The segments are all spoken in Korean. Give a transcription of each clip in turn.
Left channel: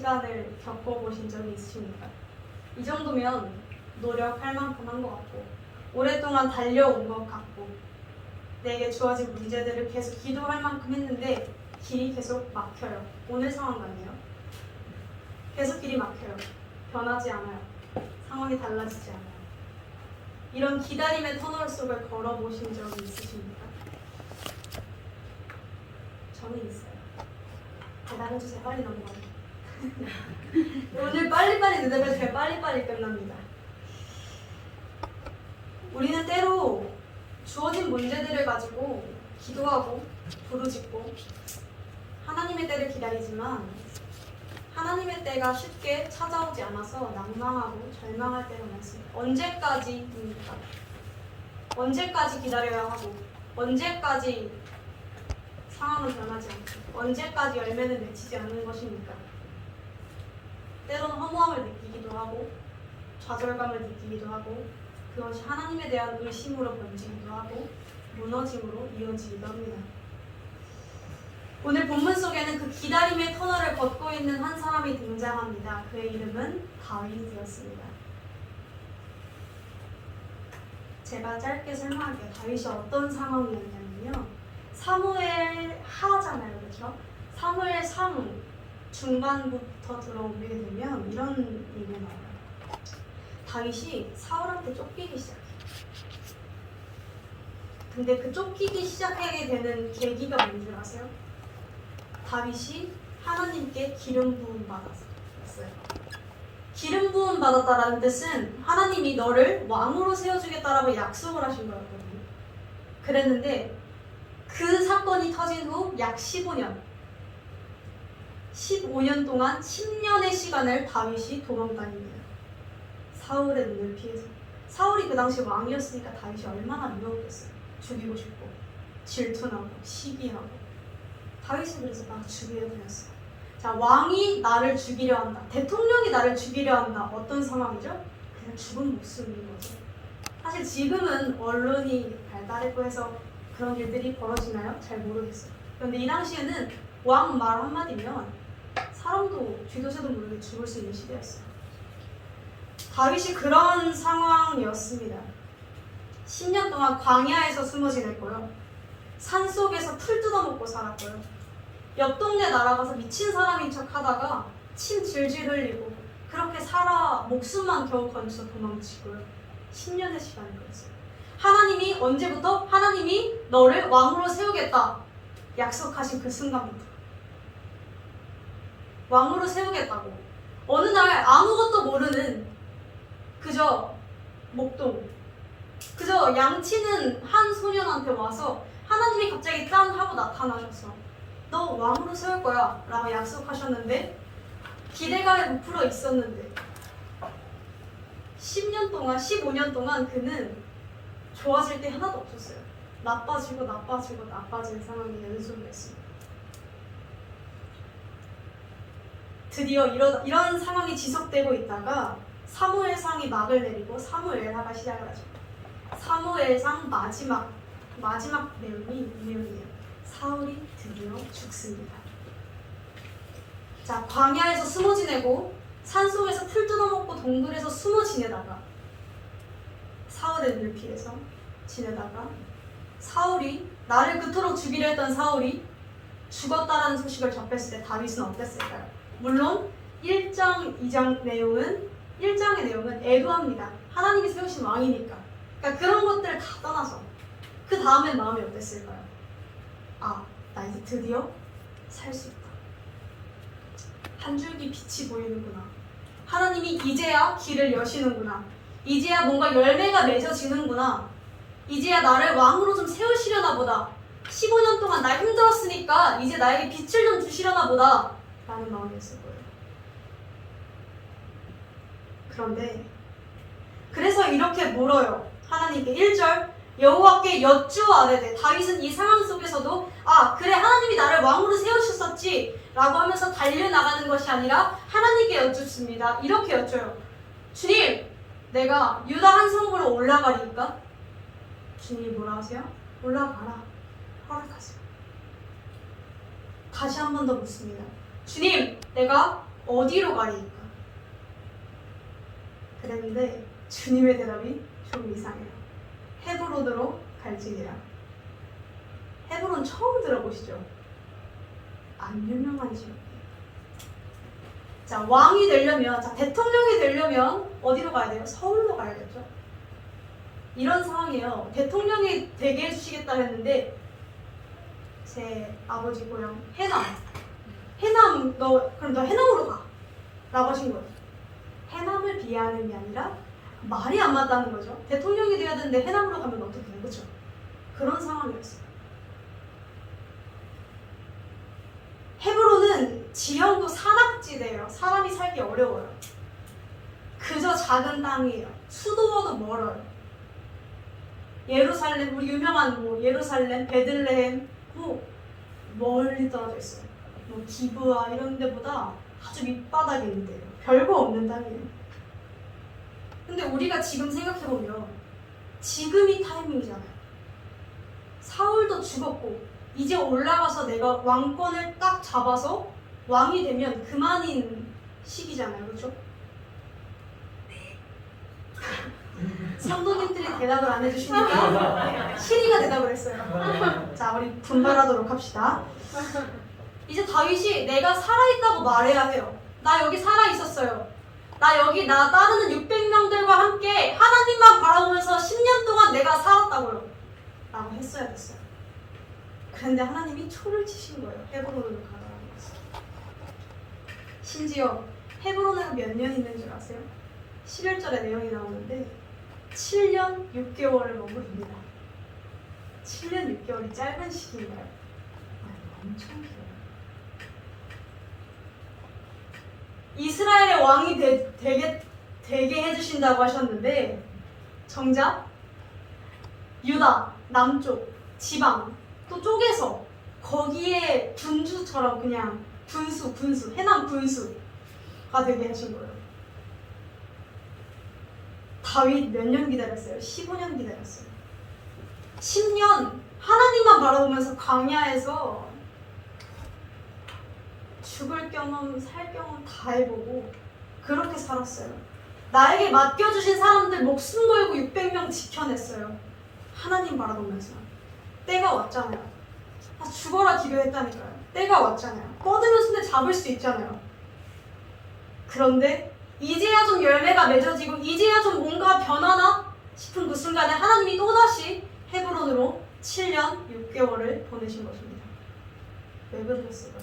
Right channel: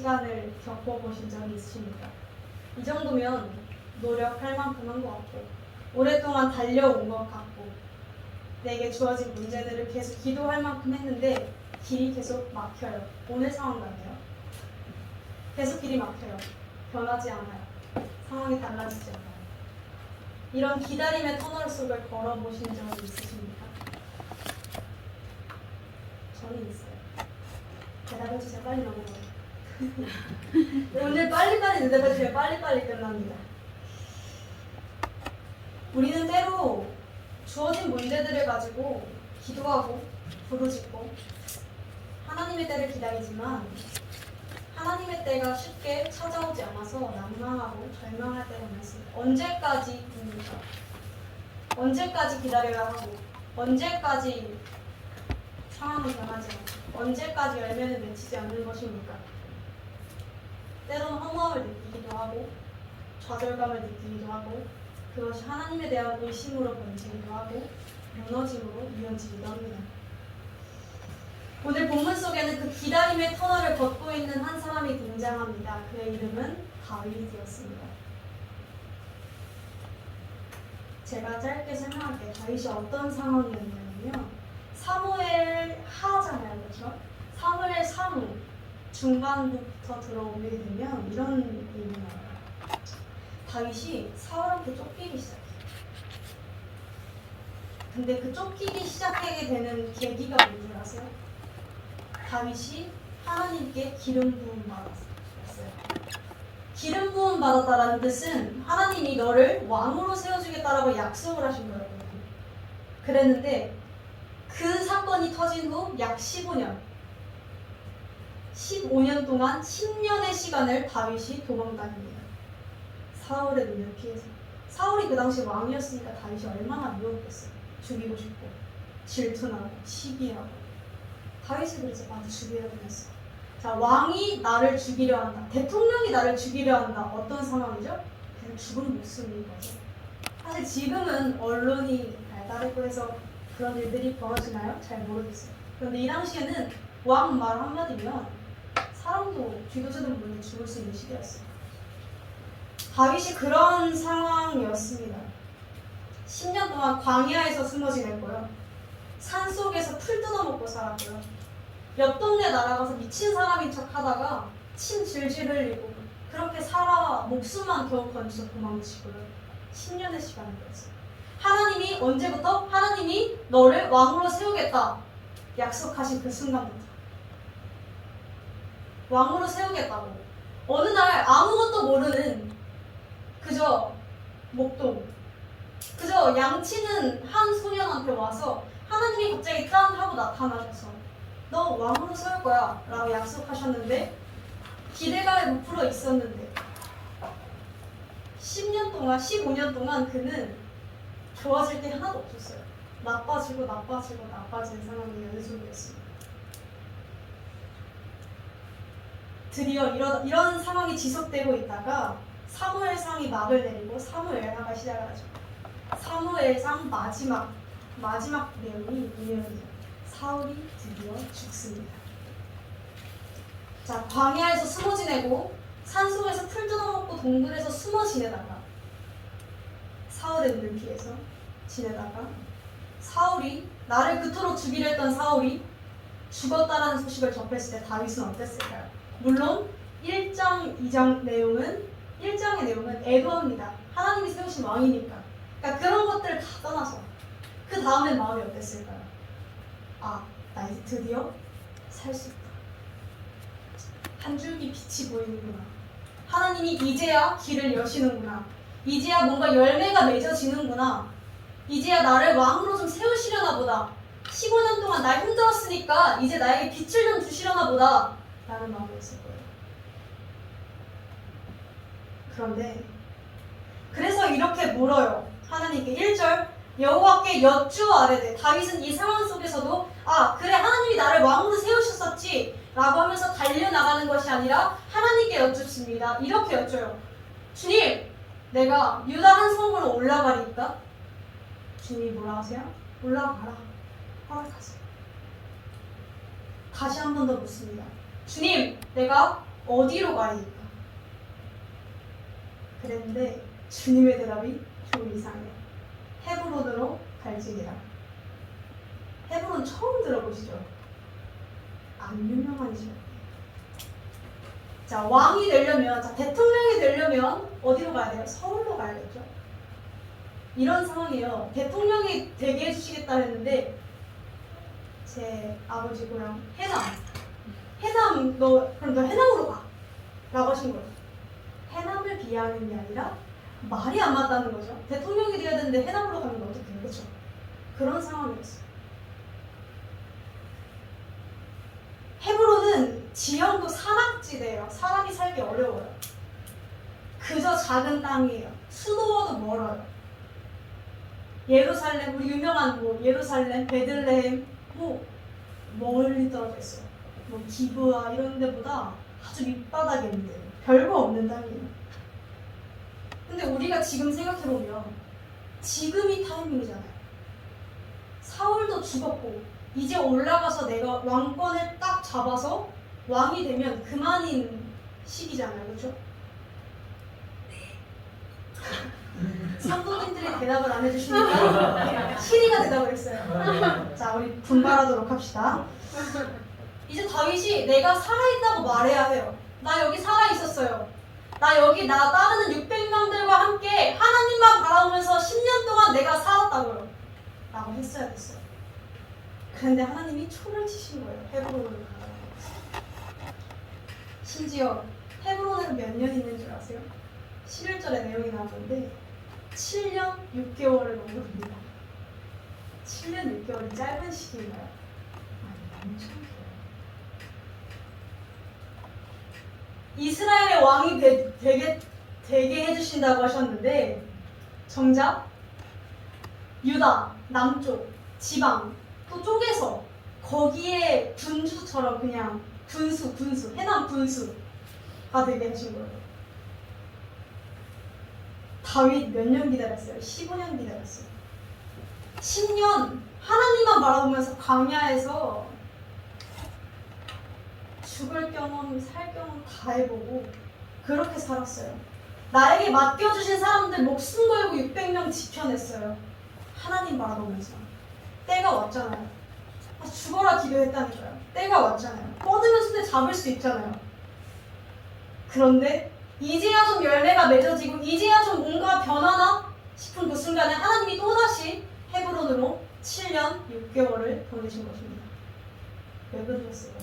시간을 겪어보신 적이 있으십니까? 이 정도면 노력할 만큼 한 것 같고 오랫동안 달려온 것 같고 내게 주어진 문제들을 계속 기도할 만큼 했는데 길이 계속 막혀요. 오늘 상황 같네요. 계속 길이 막혀요. 변하지 않아요. 상황이 달라지지 않아요. 이런 기다림의 터널 속을 걸어보신 적이 있으십니까? 저는 있어요. 대답해주세요. 빨리 넘어가요. 오늘 빨리빨리 대답해주세요. 빨리빨리 끝납니다. 우리는 때로 주어진 문제들을 가지고 기도하고 부르짖고 하나님의 때를 기다리지만 하나님의 때가 쉽게 찾아오지 않아서 난망하고 절망할 때가 많습니다. 언제까지입니까? 언제까지 기다려야 하고 언제까지 상황은 변하지 않고 언제까지 열매는 맺히지 않는 것입니까? 때로는 허무함을 느끼기도 하고 좌절감을 느끼기도 하고 그것이 하나님에 대한 의심으로 번지기도 하고 무너짐으로 이어지기도 합니다. 오늘 본문 속에는 그 기다림의 터널을 걷고 있는 한 사람이 등장합니다. 그의 이름은 다윗이었습니다. 제가 짧게 설명할게요. 다윗이 어떤 상황이었냐면요. 사무엘 하잖아요. 그렇죠? 사무엘 3 중간부터 들어오게 되면 이런 일이 나와요. 다윗이 사울한테 쫓기기 시작해요. 근데 그 쫓기기 시작하게 되는 계기가 뭔지 아세요? 다윗이 하나님께 기름 부음 받았어요. 기름 부음 받았다라는 뜻은 하나님이 너를 왕으로 세워주겠다라고 약속을 하신 거였거든요. 그랬는데 그 사건이 터진 후 약 15년 동안 10년의 시간을 다윗이 도망다닙니다. 사울의 눈을 피해서. 사울이 그 당시 왕이었으니까 다윗이 얼마나 무서웠겠어요. 죽이고 싶고 질투나고 시기하고. 다윗은 그래서 나 죽이려 했어. 자, 왕이 나를 죽이려 한다. 대통령이 나를 죽이려 한다. 어떤 상황이죠? 그냥 죽은 목숨인 거죠. 사실 지금은 언론이 발달했고 해서 그런 일들이 벌어지나요? 잘 모르겠어요. 그런데 이 당시에는 왕 말 한마디면 사람도 쥐도새도 모르게 죽을 수 있는 시대였어요. 다윗이 그런 상황이었습니다. 10년 동안 광야에서 숨어 지냈고요. 산속에서 풀 뜯어먹고 살았고요. 옆 동네 날아가서 미친 사람인 척 하다가 침 질질 흘리고 그렇게 살아 목숨만 겨우 건져서 도망치고요. 10년의 시간이 걸렸어요. 하나님이 언제부터? 하나님이 너를 왕으로 세우겠다 약속하신 그 순간부터 왕으로 세우겠다고 어느 날 아무것도 모르는 그저 목동 그저 양치는 한 소년한테 와서 하나님이 갑자기 짠 하고 나타나셔서 너 왕으로 세울 거야 라고 약속하셨는데 기대감에 부풀어 있었는데 10년 동안 15년 동안 그는 좋아질 게 하나도 없었어요. 나빠지고 나빠진 상황이 연속이었습니다. 드디어 이런 상황이 지속되고 있다가 사무엘상이 막을 내리고 사무엘하가 시작을 하죠. 사무엘상 마지막 내용이 이 내용이에요. 사울이 드디어 죽습니다. 자, 광야에서 숨어 지내고 산속에서 풀 뜯어먹고 동굴에서 숨어 지내다가 사울의 눈을 피해서 지내다가 사울이 나를 그토록 죽이려 했던 사울이 죽었다라는 소식을 접했을 때 다윗은 어땠을까요? 물론 1장, 2장 내용은 1장의 내용은 애도합니다. 하나님이 세우신 왕이니까. 그러니까 그런 것들을 다 떠나서 그 다음엔 마음이 어땠을까요? 아, 나 이제 드디어 살 수 있다. 한 줄기 빛이 보이는구나. 하나님이 이제야 길을 여시는구나. 이제야 뭔가 열매가 맺어지는구나. 이제야 나를 왕으로 좀 세우시려나 보다. 15년 동안 나 힘들었으니까 이제 나에게 빛을 좀 주시려나 보다 라는 마음이었을 거예요. 그런데 그래서 이렇게 물어요. 하나님께 1절 여호와께 여쭈아뢰되 다윗은 이 상황 속에서도 아 그래 하나님이 나를 왕으로 세우셨었지 라고 하면서 달려나가는 것이 아니라 하나님께 여쭙습니다. 이렇게 여쭤요. 주님 내가 유다 한 성으로 올라가리까? 주님이 뭐라 하세요? 올라가라. 허락하세요. 다시 한 번 더 묻습니다. 주님 내가 어디로 가리까? 그랬는데 주님의 대답이 좀 이상해요. 헤브론으로 갈지니라. 헤브론 처음 들어보시죠? 안 유명한 지역이에요. 자, 왕이 되려면, 자, 대통령이 되려면 어디로 가야 돼요? 서울로 가야겠죠. 이런 상황이에요. 대통령이 되게 해주시겠다 했는데 제 아버지 고향 해남, 그럼 너 해남으로 가 라고 하신 거죠. 해남을 비하하는 게 아니라 말이 안 맞다는 거죠. 대통령이 돼야 되는데 해남으로 가면 어떡해요, 그렇죠? 그런 상황이었어요. 헤브론은 지형도 산악지대예요. 사람이 살기 어려워요. 그저 작은 땅이에요. 수도와도 멀어요. 예루살렘, 우리 유명한 예루살렘, 베들레헴 멀리 떨어져 있어요. 기브아 이런 데보다 아주 밑바닥에 있는데요. 별거 없는 땅이에요. 근데 우리가 지금 생각해보면 지금이 타이밍이잖아요. 사울도 죽었고 이제 올라가서 내가 왕권을 딱 잡아서 왕이 되면 그만인 시기잖아요. 그렇죠? 성도님들이 대답을 안 해주시니까 시리가 대답을 했어요. 자, 우리 분발하도록 합시다. 이제 다윗이 내가 살아있다고 말해야 해요. 나 여기 살아있었어요. 나 여기 나 따르는 600명들과 함께 하나님만 바라보면서 10년 동안 내가 살았다고요. 라고 했어야 됐어요. 그런데 하나님이 초를 치신 거예요. 헤브론으로 가라. 심지어 헤브론에서 몇 년 있는 줄 아세요? 11절에 내용이 나오는데 7년 6개월을 머무릅니다. 7년 6개월이 짧은 시기인가요? 아니, 엄청 길어요. 이스라엘의 왕이 되게 해주신다고 하셨는데 정작 유다 남쪽 지방 또 쪼개서 거기에 분수처럼 그냥 분수 해남 분수가 되게 하신 거예요. 다윗 몇 년 기다렸어요? 15년 기다렸어요. 10년 하나님만 바라보면서 광야에서 죽을 경험, 살 경험 다 해보고 그렇게 살았어요. 나에게 맡겨주신 사람들 목숨 걸고 600명 지켜냈어요. 하나님 바라보면서. 때가 왔잖아요. 죽어라 기도했다니까요. 때가 왔잖아요. 뻗으면 손에 잡을 수 있잖아요. 그런데 이제야 좀 열매가 맺어지고 이제야 좀 뭔가 변하나 싶은 그 순간에 하나님이 또다시 헤브론으로 7년 6개월을 보내신 것입니다. 왜 그러셨어요?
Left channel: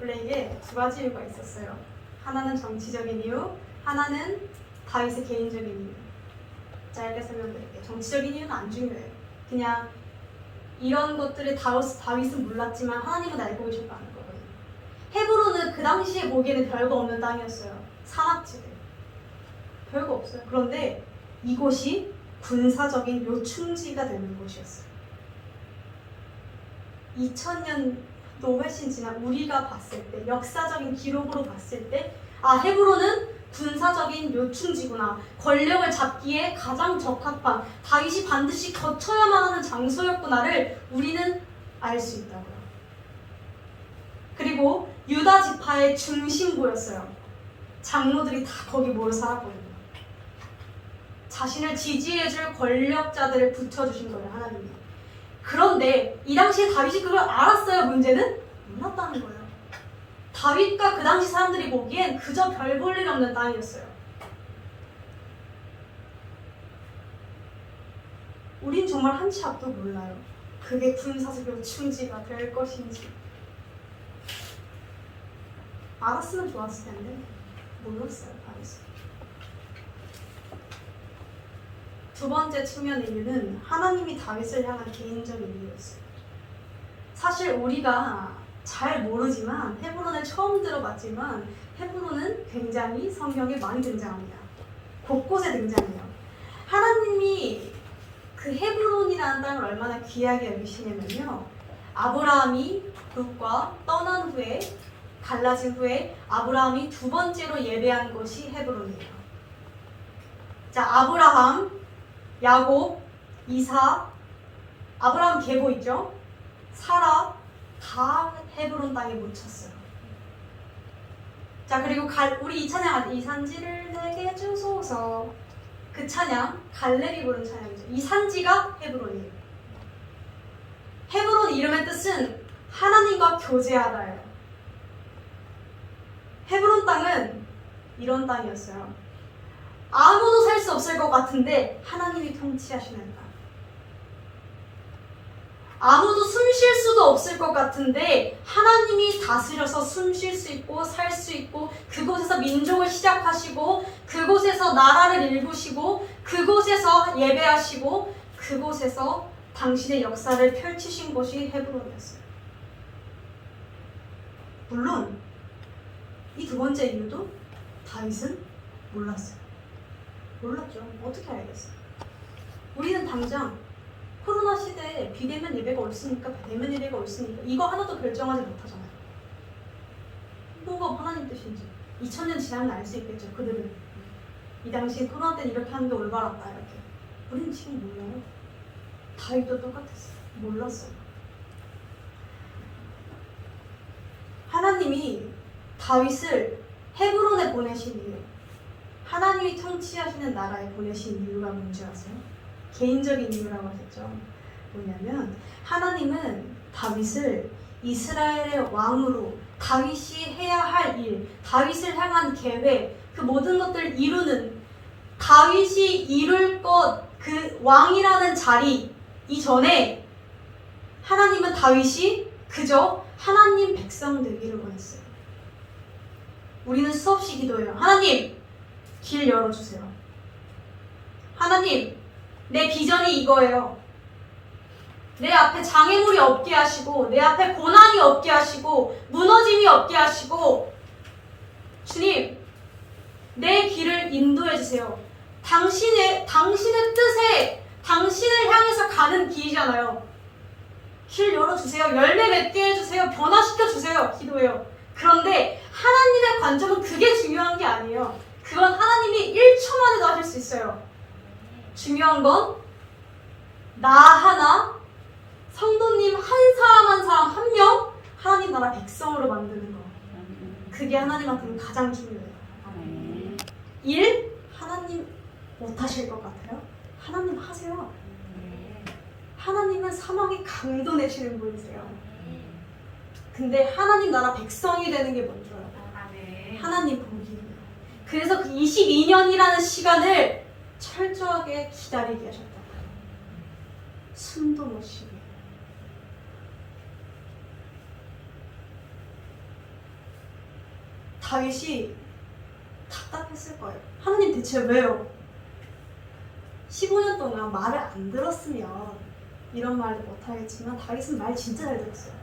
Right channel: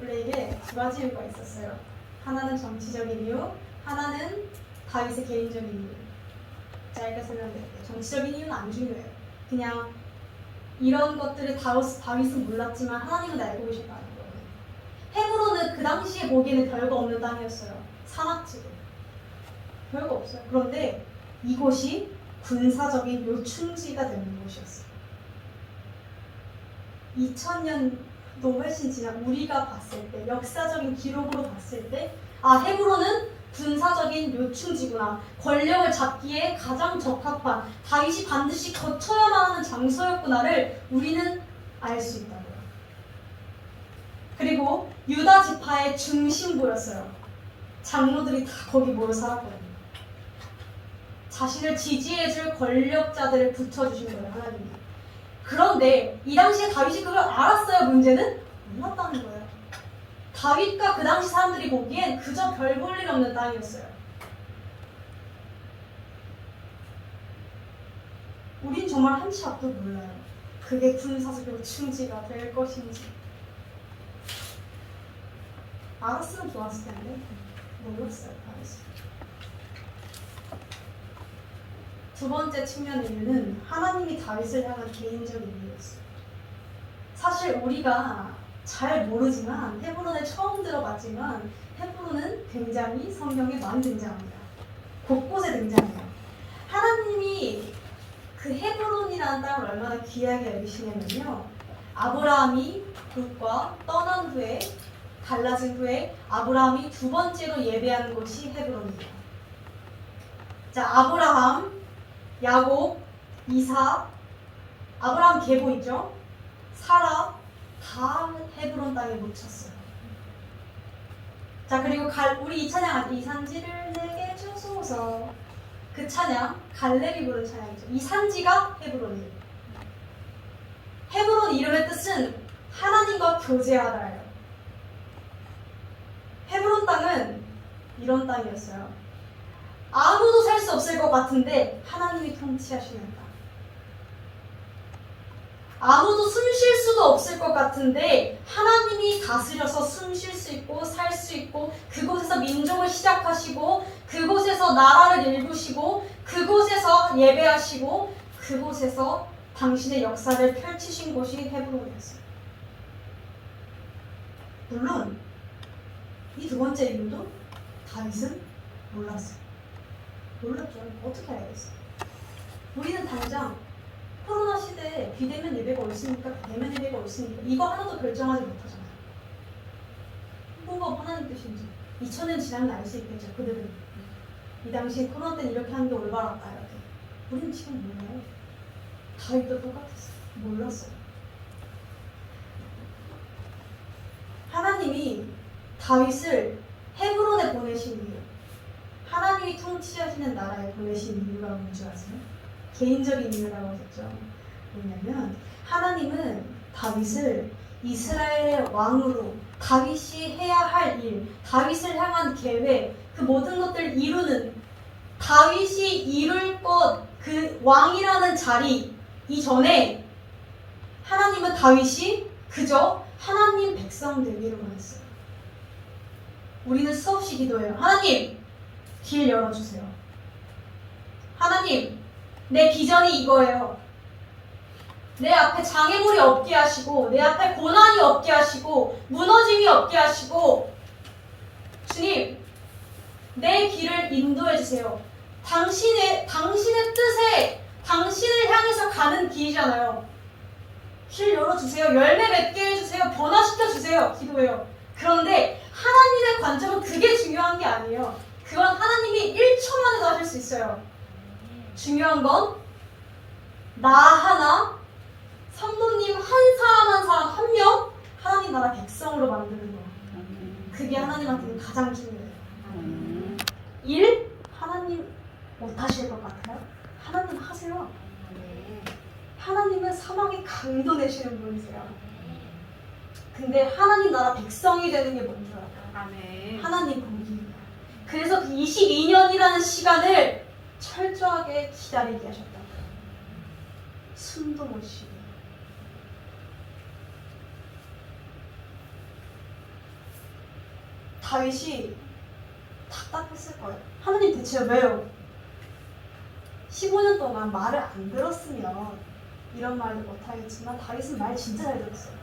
원래 이게 두 가지 이유가 있었어요. 하나는 정치적인 이유, 하나는 다윗의 개인적인 이유. 짧게 설명드릴게요. 정치적인 이유는 안 중요해요. 그냥 이런 것들을 다윗은 몰랐지만 하나님은 알고 계셨다는 거예요. 헤브론은 그 당시에 보기에는 별거 없는 땅이었어요. 산악지대. 별거 없어요. 그런데 이곳이 군사적인 요충지가 되는 곳이었어요. 2000년도 훨씬 지난 우리가 봤을 때, 역사적인 기록으로 봤을 때, 헤브론은 군사적인 요충지구나. 권력을 잡기에 가장 적합한, 다윗이 반드시 거쳐야만 하는 장소였구나를 우리는 알 수 있다고요. 그리고 유다 지파의 중심부였어요. 장로들이 다 거기 모여 살았거든요. 자신을 지지해줄 권력자들을 붙여주신 거예요, 하나님이. 그런데 이 당시에 다윗이 그걸 알았어요. 문제는 몰랐다는 거예요. 다윗과 그 당시 사람들이 보기엔 그저 별 볼 일 없는 땅이었어요. 우린 정말 한치 앞도 몰라요. 그게 군사적 요충지가 될 것인지. 알았으면 좋았을 텐데 몰랐어요, 다윗이. 두 번째 측면의 이유는 하나님이 다윗을 향한 개인적인 이유였어요. 사실 우리가 잘 모르지만 헤브론을 처음 들어봤지만 헤브론은 굉장히 성경에 많이 등장합니다. 곳곳에 등장해요. 하나님이 그 헤브론이라는 땅을 얼마나 귀하게 여기시냐면요. 아브라함이 룻과 떠난 후에 갈라진 후에 아브라함이 두 번째로 예배한 곳이 헤브론이에요. 자, 아브라함, 야곱, 이삭, 아브라함 계보 있죠? 사라 다 헤브론 땅에 묻혔어요. 자, 그리고 우리 이 찬양, 이 산지를 내게 주소서. 그 찬양 갈렙이 부른 찬양이죠. 이 산지가 헤브론이에요. 헤브론 이름의 뜻은 하나님과 교제하다예요. 헤브론 땅은 이런 땅이었어요. 아무도 살 수 없을 것 같은데 하나님이 통치하시는 땅. 아무도 숨 쉴 수도 없을 것 같은데 하나님이 다스려서 숨 쉴 수 있고 살 수 있고, 그곳에서 민족을 시작하시고 그곳에서 나라를 일구시고 그곳에서 예배하시고 그곳에서 당신의 역사를 펼치신 곳이 헤브론이었어요. 물론 이 두 번째 이유도 다윗은 몰랐어요. 몰랐죠. 어떻게 알겠어요? 우리는 당장 코로나 시대에 비대면 예배가 옳습니까? 대면 예배가 옳습니까? 이거 하나도 결정하지 못하잖아요. 뭐가 하나님 뜻인지 2000년 지나면 알 수 있겠죠. 그들은 이 당시에 코로나 때는 이렇게 하는 게 올바랐다 이렇게. 우리는 지금 몰라요. 다윗도 똑같았어요. 몰랐어요. 하나님이 다윗을 헤브론에 보내신 이유, 하나님이 통치하시는 나라에 보내신 이유가 뭔지 아세요? 개인적인 이유라고 하셨죠. 뭐냐면 하나님은 다윗을 이스라엘의 왕으로, 다윗이 해야 할 일, 다윗을 향한 계획, 그 모든 것들을 이루는, 다윗이 이룰 것, 그 왕이라는 자리 이전에 하나님은 다윗이 그저 하나님 백성 되기를 원했어요. 우리는 수없이 기도해요. 하나님, 길 열어주세요. 하나님, 내 비전이 이거예요. 내 앞에 장애물이 없게 하시고, 내 앞에 고난이 없게 하시고, 무너짐이 없게 하시고, 주님, 내 길을 인도해 주세요. 당신의 뜻에, 당신을 향해서 가는 길이잖아요. 길 열어주세요. 열매 맺게 해주세요. 변화시켜주세요. 기도해요. 그런데 하나님의 관점은 그게 중요한 게 아니에요. 그건 하나님이 1초 만에도 하실 수 있어요. 중요한 건 나 하나, 성도님 한 사람 한 사람 한 명, 하나님 나라 백성으로 만드는 거예요. 그게 하나님한테는 가장 중요해요. 일, 하나님 못하실 것 같아요? 하나님 하세요. 하나님은 사막에 강도 내시는 분이세요. 근데 하나님 나라 백성이 되는 게 뭔지 알아요? 하나님 보기예요. 그래서 그 22년이라는 시간을 철저하게 기다리게 하셨다. 숨도 못 쉬게. 다윗이 답답했을 거예요. 하나님 대체 왜요? 15년 동안 말을 안 들었으면 이런 말을 못하겠지만 다윗은 말 진짜 잘 들었어요.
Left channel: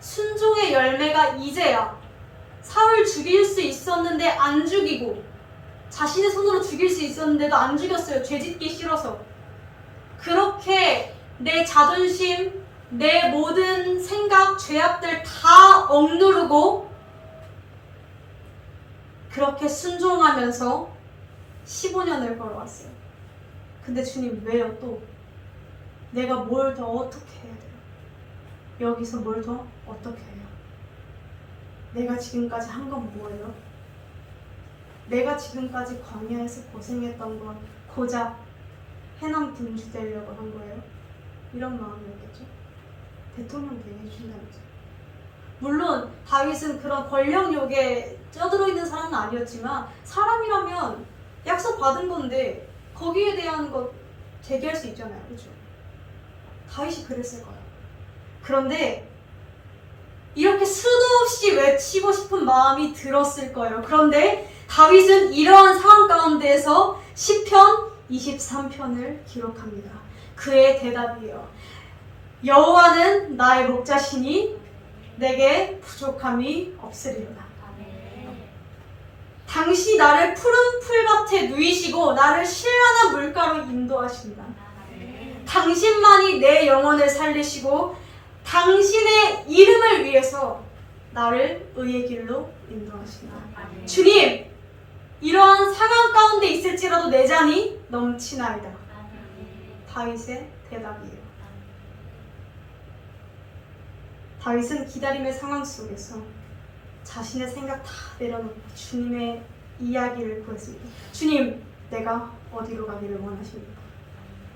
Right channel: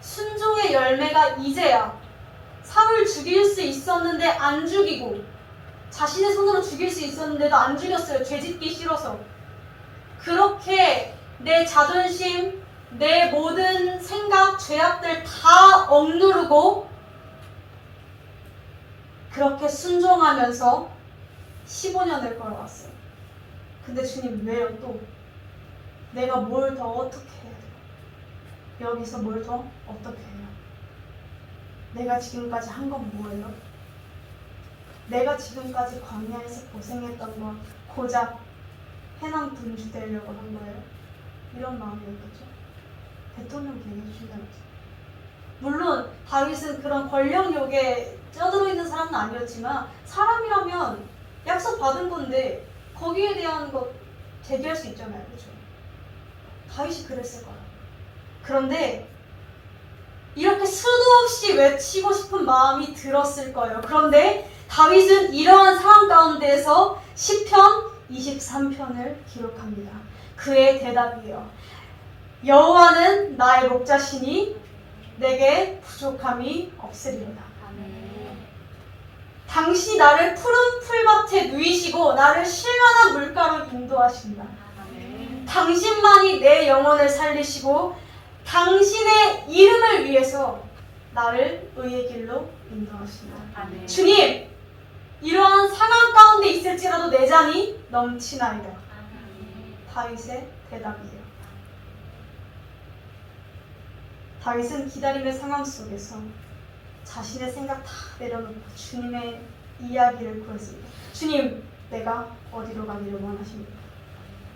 순종의 열매가 이제야. 사울 죽일 수 있었는데 안 죽이고, 자신의 손으로 죽일 수 있었는데도 안 죽였어요. 죄짓기 싫어서. 그렇게 내 자존심, 내 모든 생각, 죄악들 다 억누르고 그렇게 순종하면서 15년을 걸어왔어요. 근데 주님 왜요 또? 내가 뭘 더 어떻게 해야 돼요? 여기서 뭘 더 어떻게 해요? 내가 지금까지 한 건 뭐예요? 내가 지금까지 광야에서 고생했던 건 고작 해남 군주 되려고 한 거예요? 이런 마음이었겠죠? 대통령 되게 해주신다면서. 물론 다윗은 그런 권력욕에 쩌들어 있는 사람은 아니었지만 사람이라면 약속 받은 건데 거기에 대한 것 제기할 수 있잖아요. 그렇죠? 다윗이 그랬을 거예요. 그런데 이렇게 수도 없이 외치고 싶은 마음이 들었을 거예요. 그런데 다윗은 이러한 상황 가운데에서 시편 23편을 기록합니다. 그의 대답이에요. 여호와는 나의 목자시니 내게 부족함이 없으리로다. 당시 나를 푸른 풀밭에 누이시고 나를 실만한 물가로 인도하신다. 당신만이 내 영혼을 살리시고 당신의 이름을 위해서 나를 의의 길로 인도하신다. 아멘. 주님, 이러한 상황 가운데 있을지라도 내 잔이 넘치나이다. 아멘. 다윗의 대답이에요. 다윗은 기다림의 상황 속에서 자신의 생각 다 내려놓고 주님의 이야기를 구했습니다. 주님, 내가 어디로 가기를 원하십니까?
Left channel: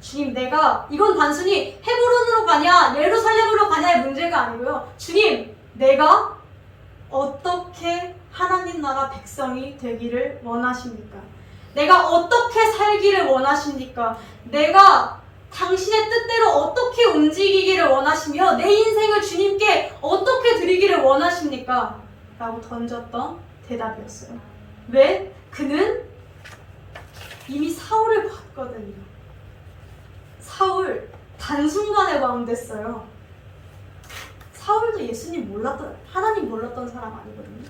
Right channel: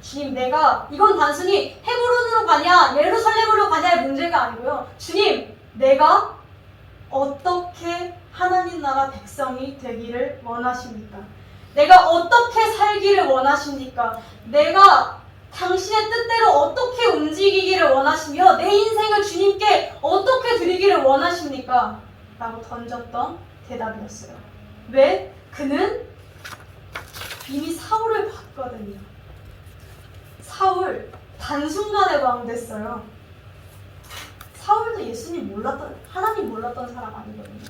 주님, 내가 이건 단순히 헤브론으로 가냐 예루살렘으로 가냐의 문제가 아니고요. 주님, 내가 어떻게 하나님 나라 백성이 되기를 원하십니까? 내가 어떻게 살기를 원하십니까? 내가 당신의 뜻대로 어떻게 움직이기를 원하시며 내 인생을 주님께 어떻게 드리기를 원하십니까? 라고 던졌던 대답이었어요. 왜? 그는 이미 사울을 봤거든요. 사울 단순간에 왕 됐어요. 사울도 예수님 몰랐던, 하나님 몰랐던 사람 아니거든요.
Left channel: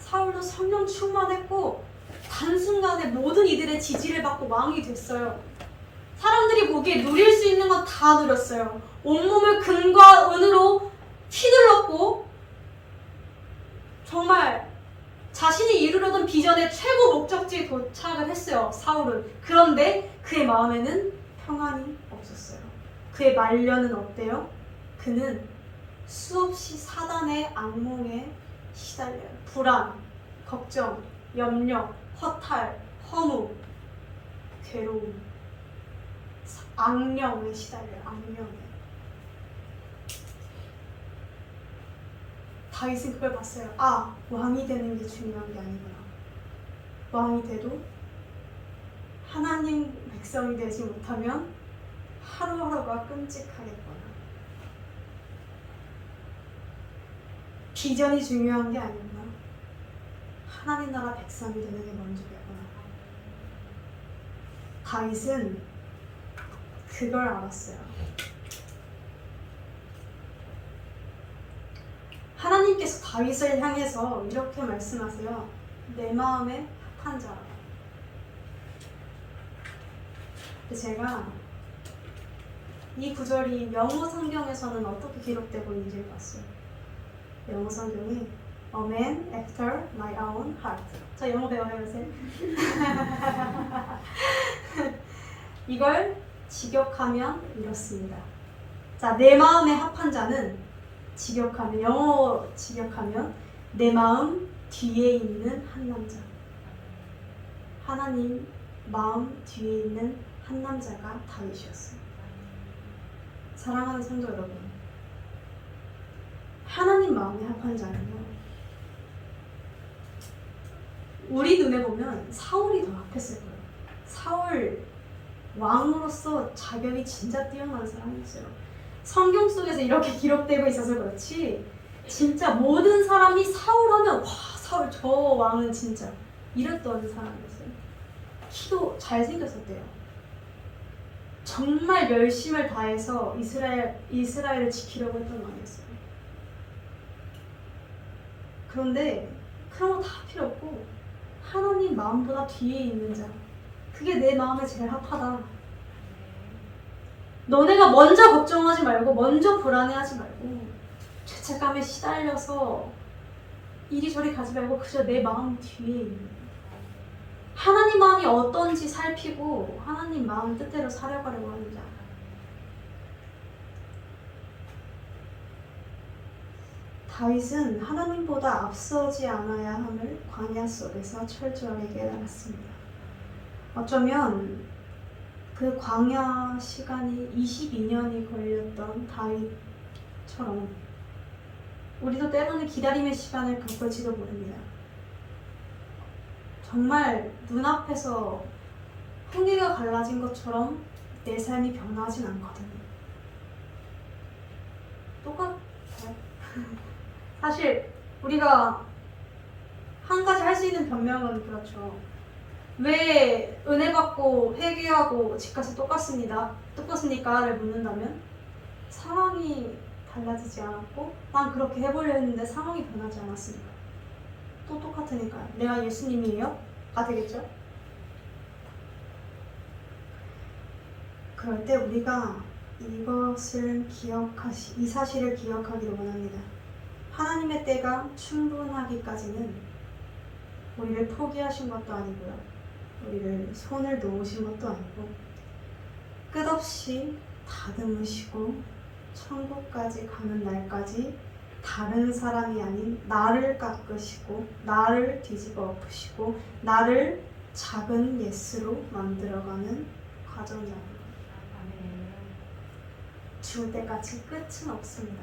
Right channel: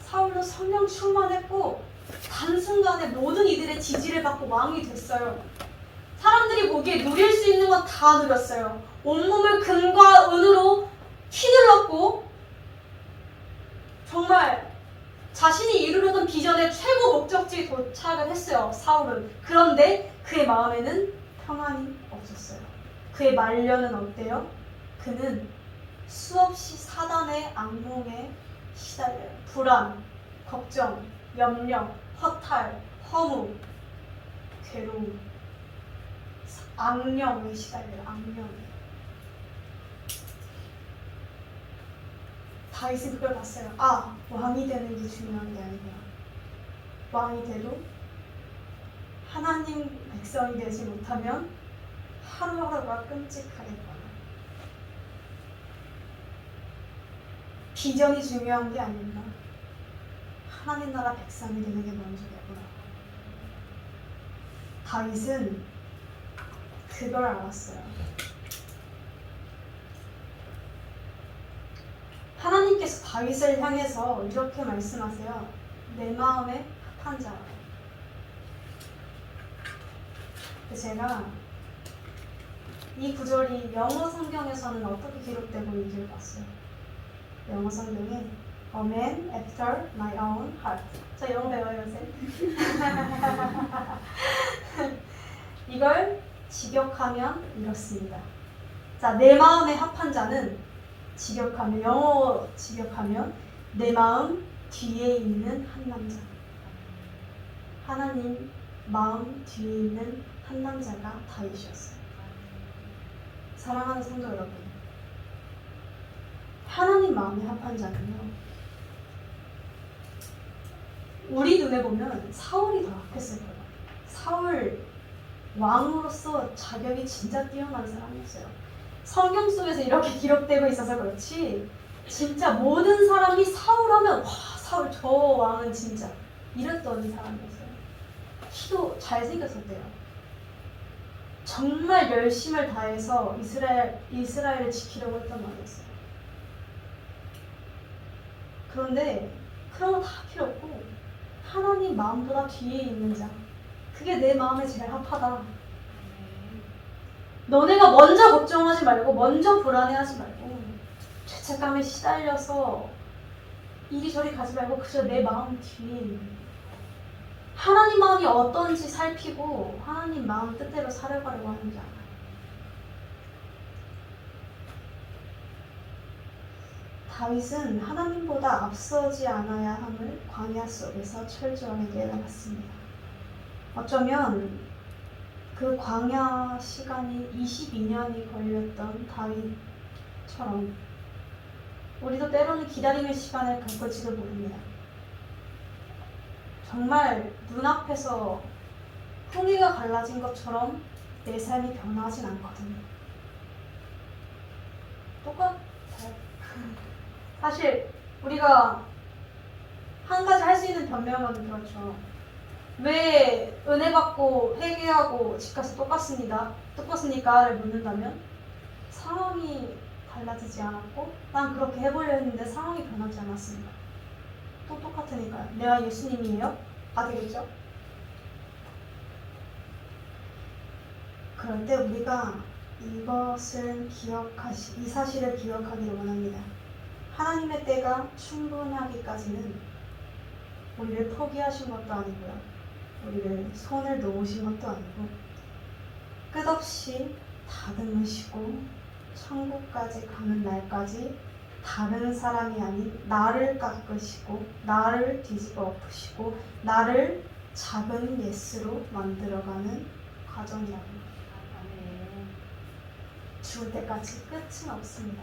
사울도 성령 충만했고 단순간에 모든 이들의 지지를 받고 왕이 됐어요. 사람들이 보기에 누릴 수 있는 건 다 누렸어요. 온몸을 금과 은으로 휘둘렀고 정말 자신이 이루려던 비전의 최고 목적지에 도착을 했어요. 사울은. 그런데 그의 마음에는 평안이 없었어요. 그의 말년은 어때요? 그는 수없이 사단의 악몽에 시달려요. 불안, 걱정, 염려, 허탈, 허무, 괴로움, 악령에 시달려요. 악령에. 다윗은 그걸 봤어요. 아, 왕이 되는 게 중요한 게 아니구나. 왕이 돼도 하나님 백성이 되지 못하면 하루하루가 끔찍하겠구나. 비전이 중요한 게 아니구나. 하나님 나라 백성이 되는 게 먼저겠구나. 다윗은 그걸 알았어요. 하나님께서 다윗을 향해서 이렇게 말씀하세요. 내 마음에 합한 자. 제가 이 구절이 영어 성경에서는 어떻게 기록되고 있는지를 봤어요. 영어 성경에 A man after my own heart. 저 영어 배워요 요새. 이걸 직역하면 이렇습니다. 자, 내 마음에 합한 자는 직역하면, 영어 직역하면 내 마음 뒤에 있는 한 남자. 하나님 마음 뒤에 있는 한 남자가 다윗이었어요. 사랑하는 성도 여러분, 하나님 마음에 합한 자는요, 우리 눈에 보면 사울이 더 악했을 거예요. 사울 왕으로서 자격이 진짜 뛰어난 사람이었어요. 성경 속에서 이렇게 기록되고 있어서 그렇지 진짜 모든 사람이 사울 하면 와, 사울 저 왕은 진짜 이랬던 사람이었어요. 키도 잘생겼었대요. 정말 열심을 다해서 이스라엘을 지키려고 했던 왕이었어요. 그런데 그런 거 다 필요 없고 하나님 마음보다 뒤에 있는 자, 그게 내 마음에 제일 합하다. 너네가 먼저 걱정하지 말고 먼저 불안해하지 말고 죄책감에 시달려서 이리저리 가지 말고 그저 내 마음 뒤에 있는 거야. 하나님 마음이 어떤지 살피고 하나님 마음 뜻대로 살아가려고 하는 자. 다윗은 하나님보다 앞서지 않아야 함을 광야 속에서 철저하게 깨달았습니다. 어쩌면 그 광야 시간이 22년이 걸렸던 다윗처럼 우리도 때로는 기다림의 시간을 겪을지도 모릅니다. 정말 눈앞에서 풍기가 갈라진 것처럼 내 삶이 변하진 않거든요. 똑같아요. 사실 우리가 한 가지 할 수 있는 변명은 그렇죠. 왜 은혜 받고 회개하고 집 가서 똑같습니까?를 묻는다면 상황이 달라지지 않았고 난 그렇게 해보려 했는데 상황이 변하지 않았습니다. 또 똑같으니까요. 내가 예수님이에요? 가 되겠죠? 그럴 때 우리가 이 사실을 기억하기를 원합니다. 하나님의 때가 충분하기까지는 우리를 포기하신 것도 아니고요. 우리를 손을 놓으신 것도 아니고 끝없이 다듬으시고 천국까지 가는 날까지 다른 사람이 아닌 나를 깎으시고 나를 뒤집어 엎으시고 나를 작은 예스로 만들어가는 과정이랍니다. 죽을 때까지 끝은 없습니다.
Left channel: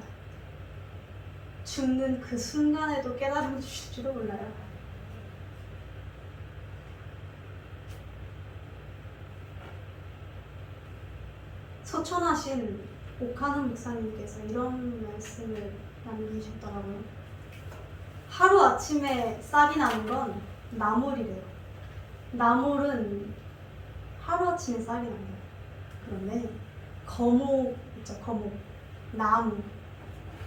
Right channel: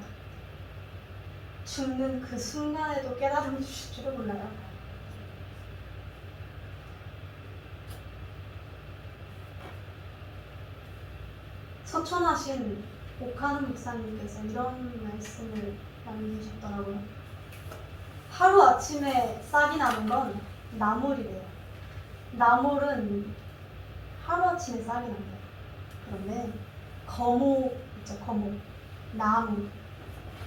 죽는 그 순간에도 깨달음 주실지도 몰라요. 서촌하신 오카는 목사님께서 이런 말씀을 남기셨더라고요. 하루아침에 싹이 나는 건 나물이래요. 나물은 하루아침에 싹이 납니다. 그런데 거목 있죠, 거목. 나무.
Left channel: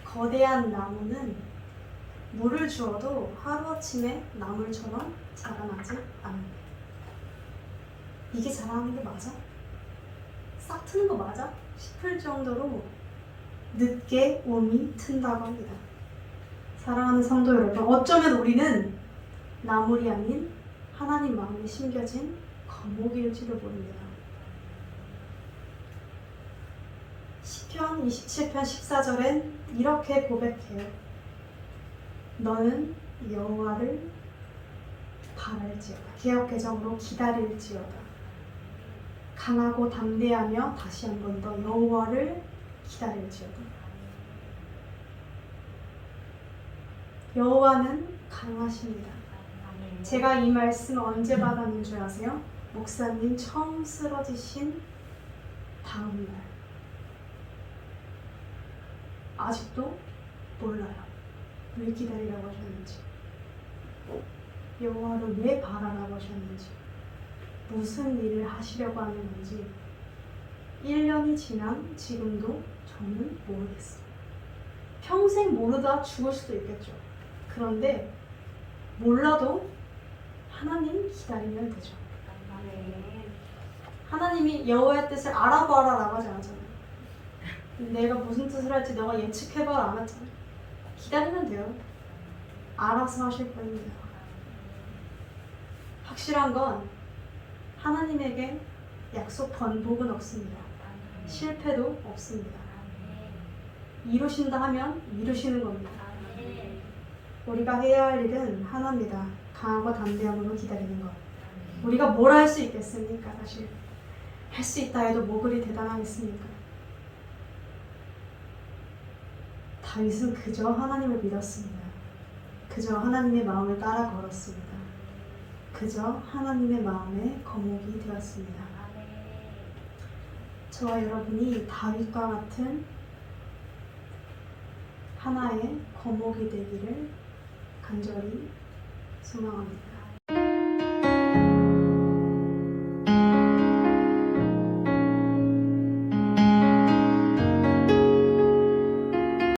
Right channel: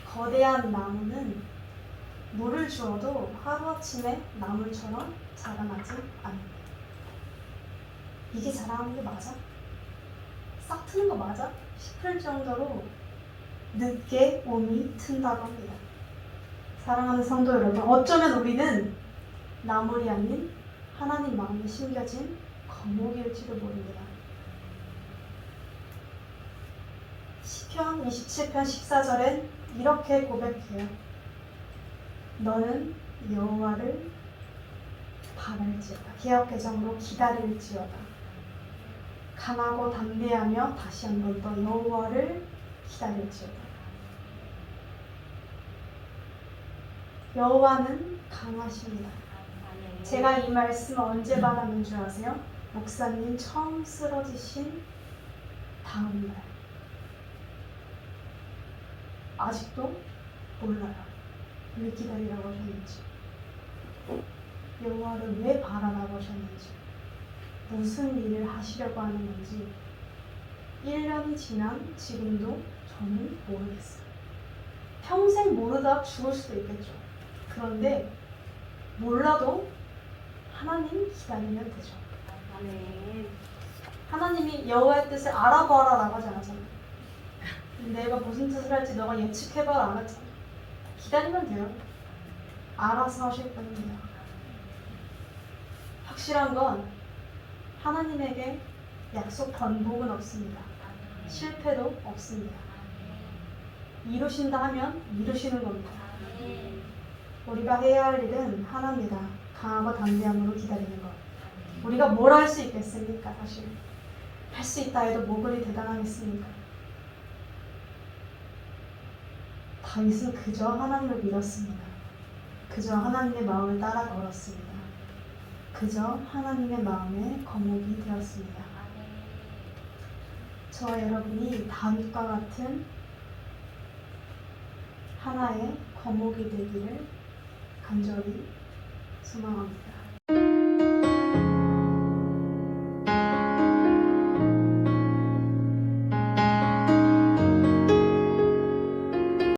거대한 나무는 물을 주어도 하루아침에 나물처럼 자라나지 않습니다. 이게 자라는 거 맞아? 싹 트는 거 맞아? 싶을 정도로 늦게 온이 튼다고 합니다. 사랑하는 성도 여러분, 어쩌면 우리는 나물이 아닌 하나님 마음에 심겨진 거목일지도 모릅니다. 시편 27편 14절엔 이렇게 고백해요. 너는 여호와를 바랄지어다. 개역개정으로 기다릴지어다. 강하고 담대하며 다시 한 번 더 여호와를 기다릴지어다. 여호와는 강하십니다. 제가 이 말씀 언제 받았는 줄 아세요? 목사님 처음 쓰러지신 다음 날. 아직도 몰라요. 왜 기다리라고 하셨는지, 여호와를 왜 바라라고 하셨는지, 무슨 일을 하시려고 하는 건지 1년이 지난 지금도 저는 모르겠어요. 평생 모르다 죽을 수도 있겠죠. 그런데 몰라도 하나님 기다리면 되죠. 하나님이 여호와의 뜻을 알아봐라라고 하지 않았잖아요. 내가 무슨 뜻을 할지 너가 예측해봐라 안 했잖아요. 기다리면 돼요. 알아서 하실 겁니다. 확실한 건 하나님에게 약속 번복은 없습니다. 실패도 없습니다. 이루신다 하면 이루시는 겁니다. 우리가 해야 할 일은 하나입니다. 강하고 담대함으로 기다리는 것. 우리가 뭘 할 수 있겠습니까? 사실 할 수 있다 해도 뭐 그리 대단하겠습니까? 다윗은 그저 하나님을 믿었습니다. 그저 하나님의 마음을 따라 걸었습니다. 그저 하나님의 마음에 거목이 되었습니다. 저와 여러분이 다윗과 같은 하나의 거목이 되기를 간절히 소망합니다.